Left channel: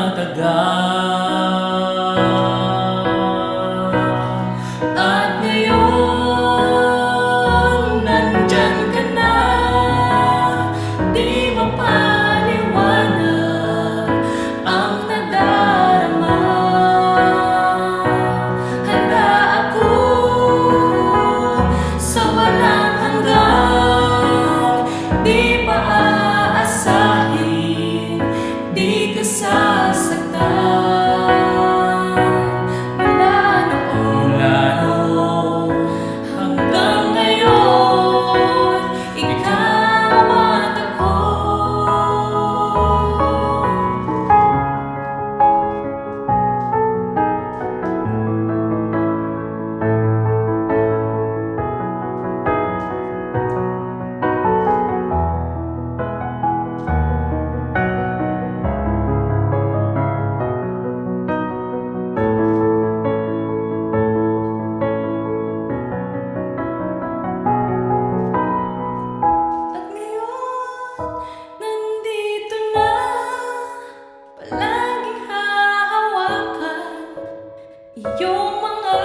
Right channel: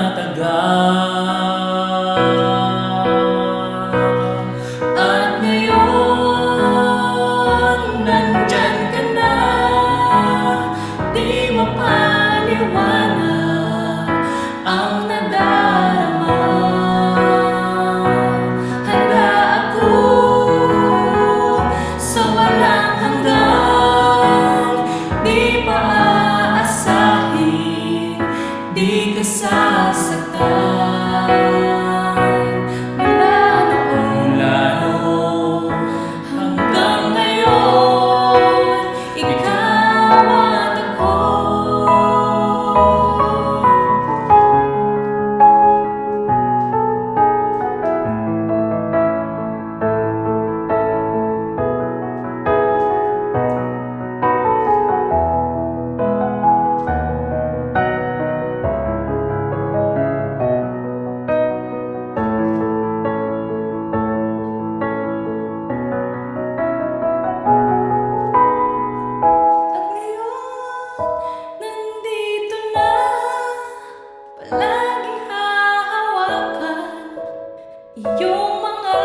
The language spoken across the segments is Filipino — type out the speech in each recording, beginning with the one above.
matagal. At ngayon, nandyan ka na, di mapaliwanag ang nadarama. Handa ako sa walang hanggang, di pa aasahin, di ka sasaktan. Mula noon hanggang ngayon, ikaw at ako. Nandito na, palaging hahawakan iyong mga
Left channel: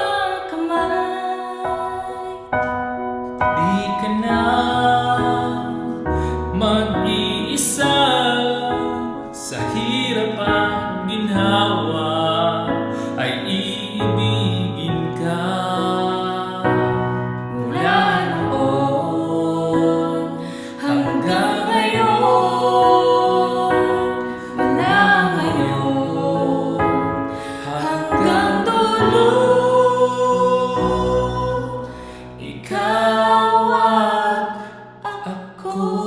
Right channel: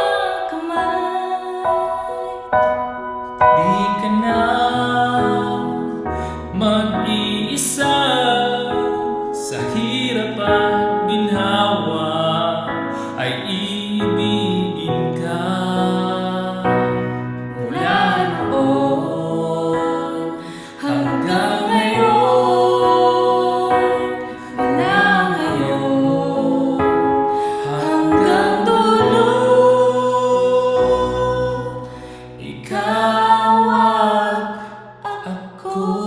kamay. Di ka na mag-iisa sa hirap at ginhawa, ay ibigin ka. Mula noon hanggang ngayon, mula ngayon hanggang dulo, ikaw at ako.